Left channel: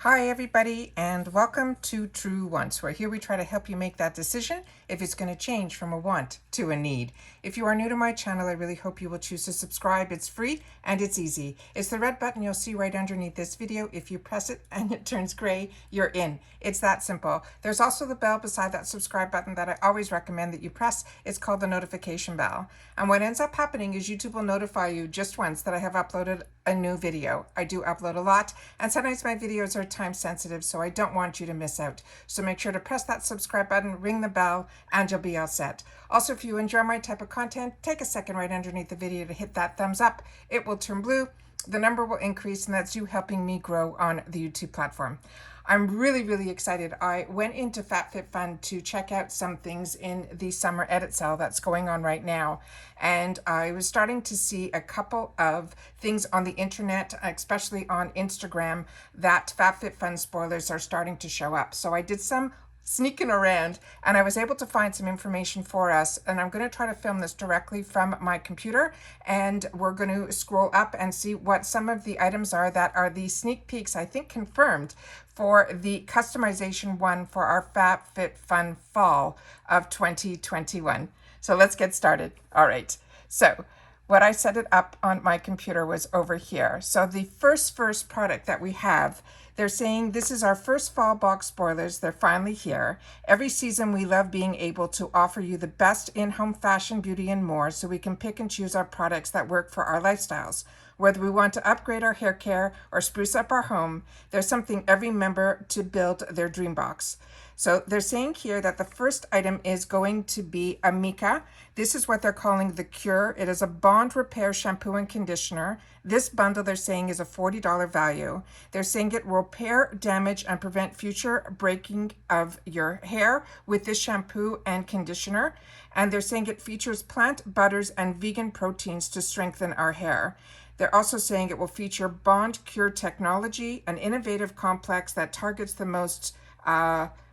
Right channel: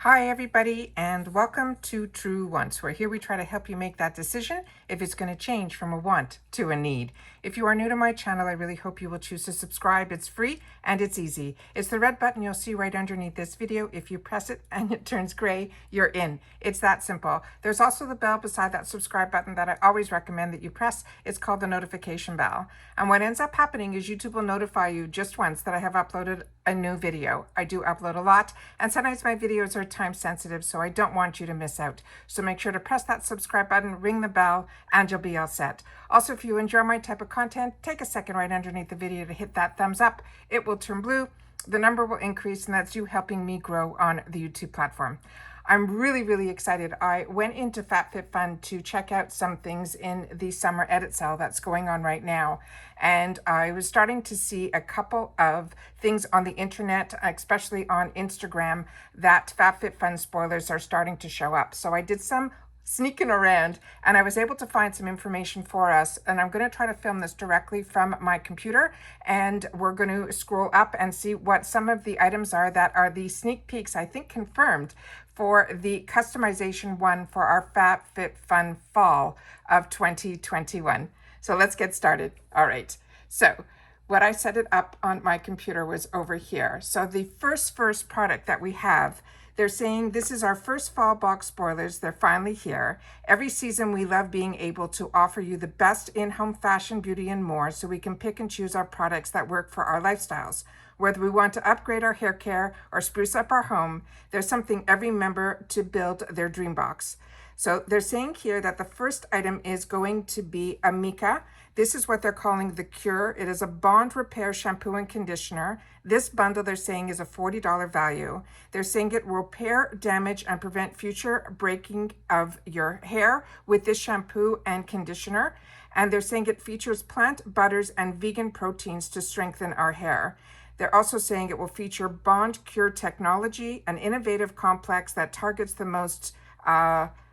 Hi everybody, and welcome to True Wants, where here we try to help you make that decision if it's going to change from a want to a need. If you are new to my channel, I really hope you will choose to subscribe. It's free and it's easy. It's the red button you'll see right underneath this video. If you press it and it turns gray, you're in. It's that simple. There's also the bell beside that subscribe button that I always recommend that you press. It's called the notification bell. And what ends up happening is YouTube will notify you just once that I have uploaded a new video. I do upload a lot, and sometimes my videos are time sensitive, so I don't want you to miss out. So make sure to press that subscribe button, ring the bell, and you'll be all set. Also, if you enjoy my type of content, take a second right underneath the video to hit that thumbs up. It will turn blue, the number will increase, and that's you helping me grow on the YouTube platform. I'm really excited. I went into FabFitFun to check out some things in the summer edit sale that's going on right now. And I was starting to see a couple of things on the internet, especially on Instagram, that FabFitFun spoilers are starting to show up. So I did some sneaking around and I was able to find some information for us, and I'm going to try to film this directly from my computer, and we're going to scroll up and see what some of the items are that are the sneak peeks, I think confirmed, for the customization one for our FabFitFun fall of 2021. So let's get started. All right, so what I set it up on my computer was over here. So the first product that we have, they're saying this is our first fall box spoilers. They're finally here. Every season we love being able to offer you the best in-home fashion, beauty, and more, so we can pick and choose our products that work for our lifestyles. Whether we want to upgrade our hair care or spruce up our home, there's something every member to build their dream box. So they're saying here that the first item is going to be a Mica. This is what they're calling the Cure. It is a bond repair shampoo and conditioner. This bundle, they're saying, is a $40 value. They're saying it will repair damage and prevent future breaking of your hair with this shampoo and conditioner. And they're saying it features plant butters and vegan proteins to strengthen our hair. They're also saying it will feature Bond Cure technology, an innovative complex that targets the most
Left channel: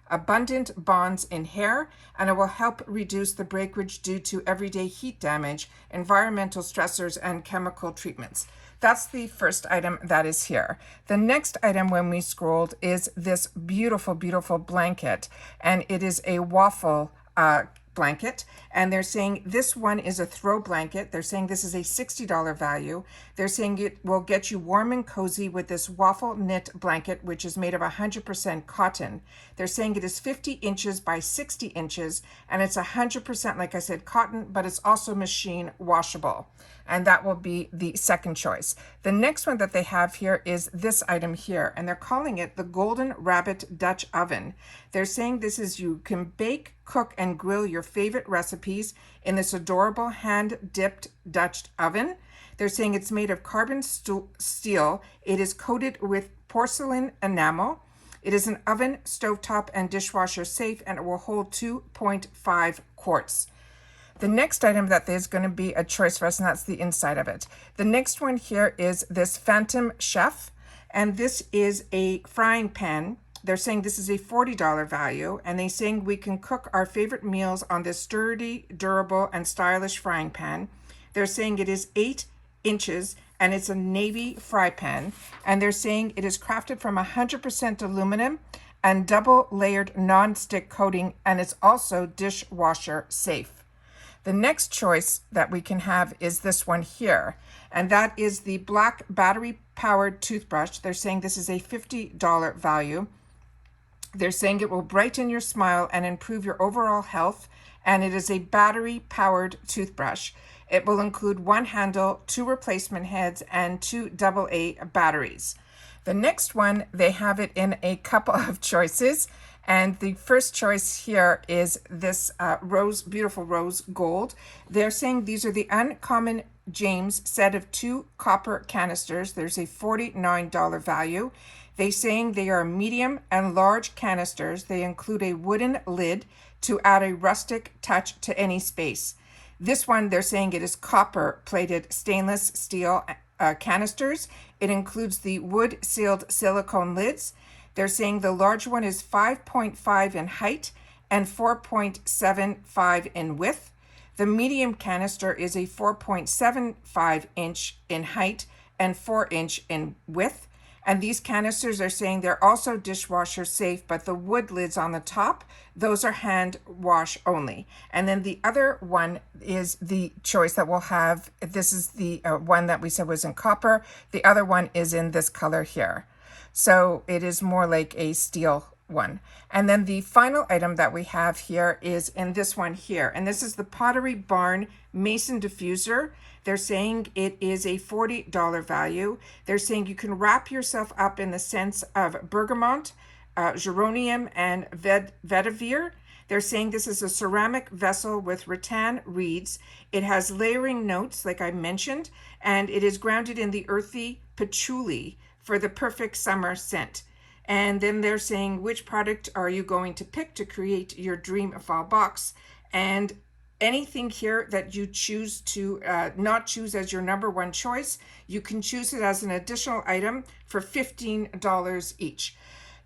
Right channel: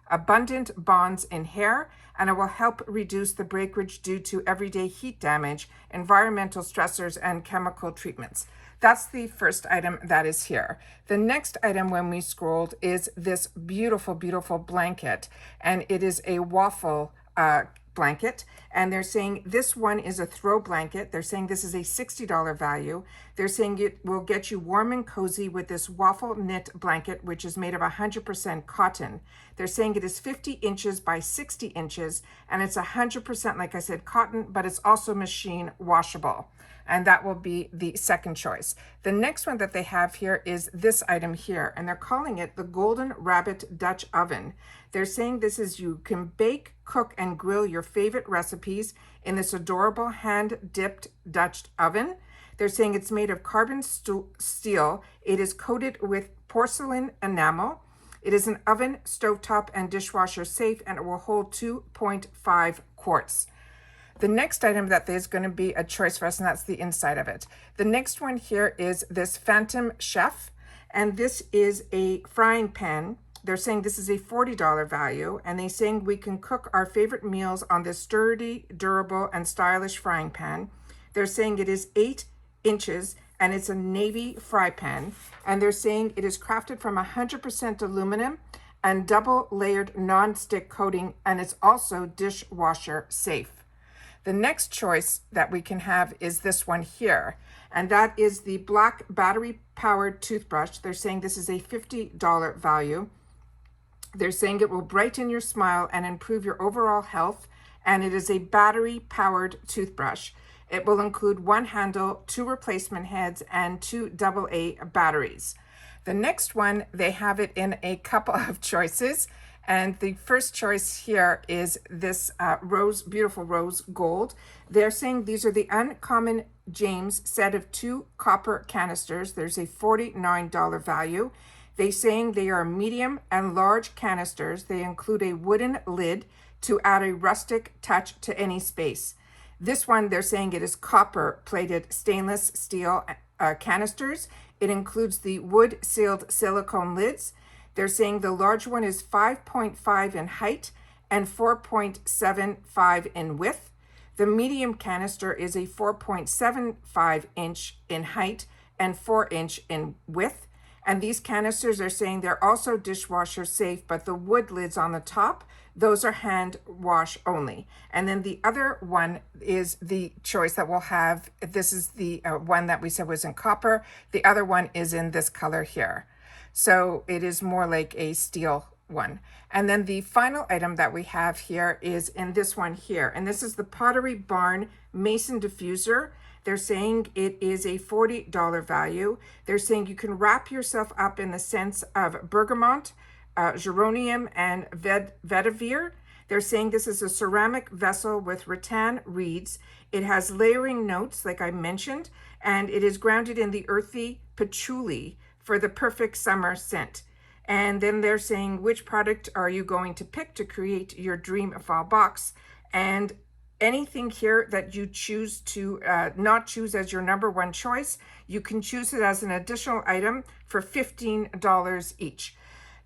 abundant bonds in hair, and it will help reduce the breakage due to everyday heat damage, environmental stressors, and chemical treatments. That's the first item that is here. The next item, when we scrolled, is this beautiful blanket, and it is a waffle blanket, and they're saying this one is a throw blanket. They're saying this is a $60 value. They're saying it will get you warm and cozy with this waffle knit blanket, which is made of 100% cotton. They're saying it is 50 inches by 60 inches, and it's 100%, like I said, cotton, but it's also machine washable. And that will be the second choice. The next one that they have here is this item here, and they're calling it the Golden Rabbit Dutch Oven. They're saying this is, you can bake, cook, and grill your favorite recipes in this adorable hand-dipped Dutch oven. They're saying it's made of carbon steel. It is coated with porcelain enamel. It is an oven, stovetop, and dishwasher safe, and it will hold 2.5 quarts. The next item that is going to be a choice for us, and that's the inside of it. The next one here is this Phantom Chef, and this is a frying pan. They're saying this is a $40 value, and they're saying we can cook our favorite meals on this sturdy, durable, and stylish frying pan. They're saying it is 8 inches, and it's a navy fry pan, and they're saying it is crafted from 100% aluminum and double layered non-stick coating, and it's also dishwasher safe. The next choice that we can have is this one here, and that is the black battery-powered toothbrush. They're saying this is a $50 value. They're saying it will brighten your smile and improve your overall health, and it is a battery-powered toothbrush. It will include one handle, 2 replacement heads, and 2 AA batteries. The next one, they have it in a couple of choices. And the first choice here is this beautiful rose gold. They're saying these are the Uncommon James set of 2 copper canisters. There's a $49 value. They're saying they are medium and large canisters. They include a wooden lid to add a rustic touch to any space. This one, they're saying it is copper plated stainless steel canisters. It includes the wood sealed silicone lids. They're saying the large one is 5.5 in height and 4.75 in width. The medium canister is a 4.75 inch in height and 4 inch in width. And these canisters are saying they're also dishwasher safe, but the wood lids on the top, those are hand wash only. And then the other one is the choice that we'll have. This is the one that we said was in copper. The other one is in this color here. So it is more like a steel one. And then the final item that we have here is in this one here. And this is the Pottery Barn Mason Diffuser. They're saying it is a $40 value. They're saying you can wrap yourself up in the scents of bergamot, geranium, and vetiver. They're saying this is a ceramic vessel with rattan reeds. It has layering notes, like I mentioned, and it is grounded in the earthy patchouli for the perfect summer scent. And then they're saying, which product are you going to pick to create your dream fall box? And anything here that you choose to not choose as your number one choice, you can choose it as an additional item for $15 each.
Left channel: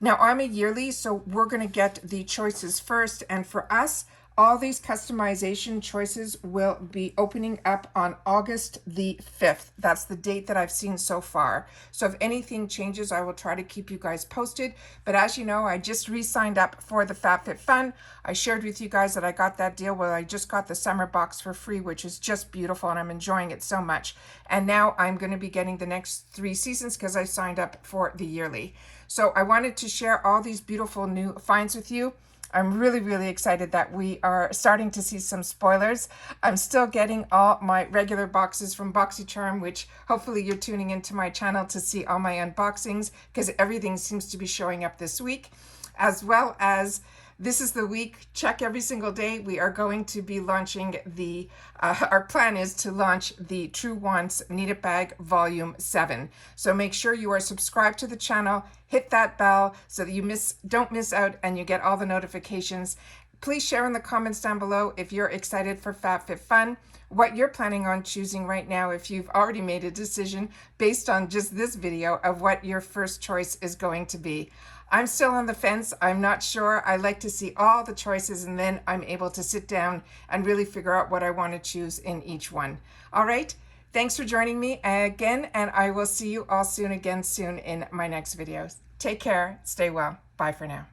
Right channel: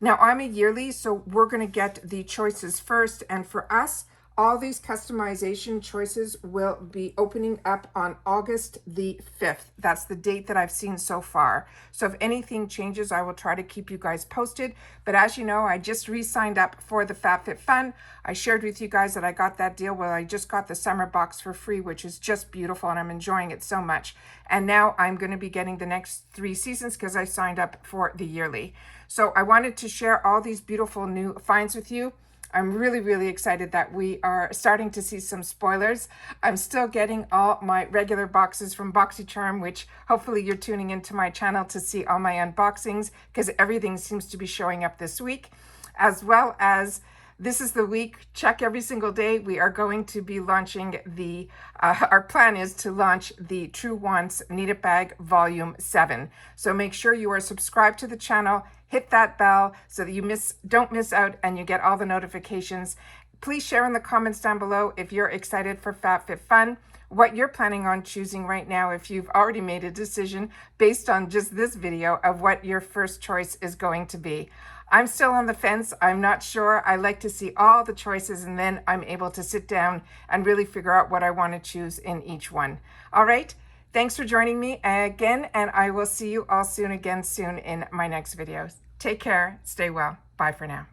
Now I'm a yearly, so we're going to get the choices first. And for us, all these customization choices will be opening up on August the 5th. That's the date that I've seen so far. So if anything changes, I will try to keep you guys posted. But as you know, I just re-signed up for the FabFitFun. I shared with you guys that I got that deal where I just got the summer box for free, which is just beautiful, and I'm enjoying it so much. And now I'm going to be getting the next 3 seasons because I signed up for the yearly. So I wanted to share all these beautiful new finds with you. I'm really, really excited that we are starting to see some spoilers. I'm still getting all my regular boxes from BoxyCharm, which hopefully you're tuning into my channel to see all my unboxings because everything seems to be showing up this week. As well as this is the week, check every single day, we are going to be launching the, our plan is to launch the True Wants Need It Bag Volume 7. So make sure you are subscribed to the channel, hit that bell so that you don't miss out and you get all the notifications. Please share in the comments down below if you're excited for FabFitFun, what you're planning on choosing right now, if you've already made a decision based on just this video of what your first choice is going to be. I'm still on the fence. I'm not sure. I like to see all the choices and then I'm able to sit down and really figure out what I want to choose in each one. All right. Thanks for joining me again, and I will see you all soon in my next videos. Take care. Stay well. Bye for now.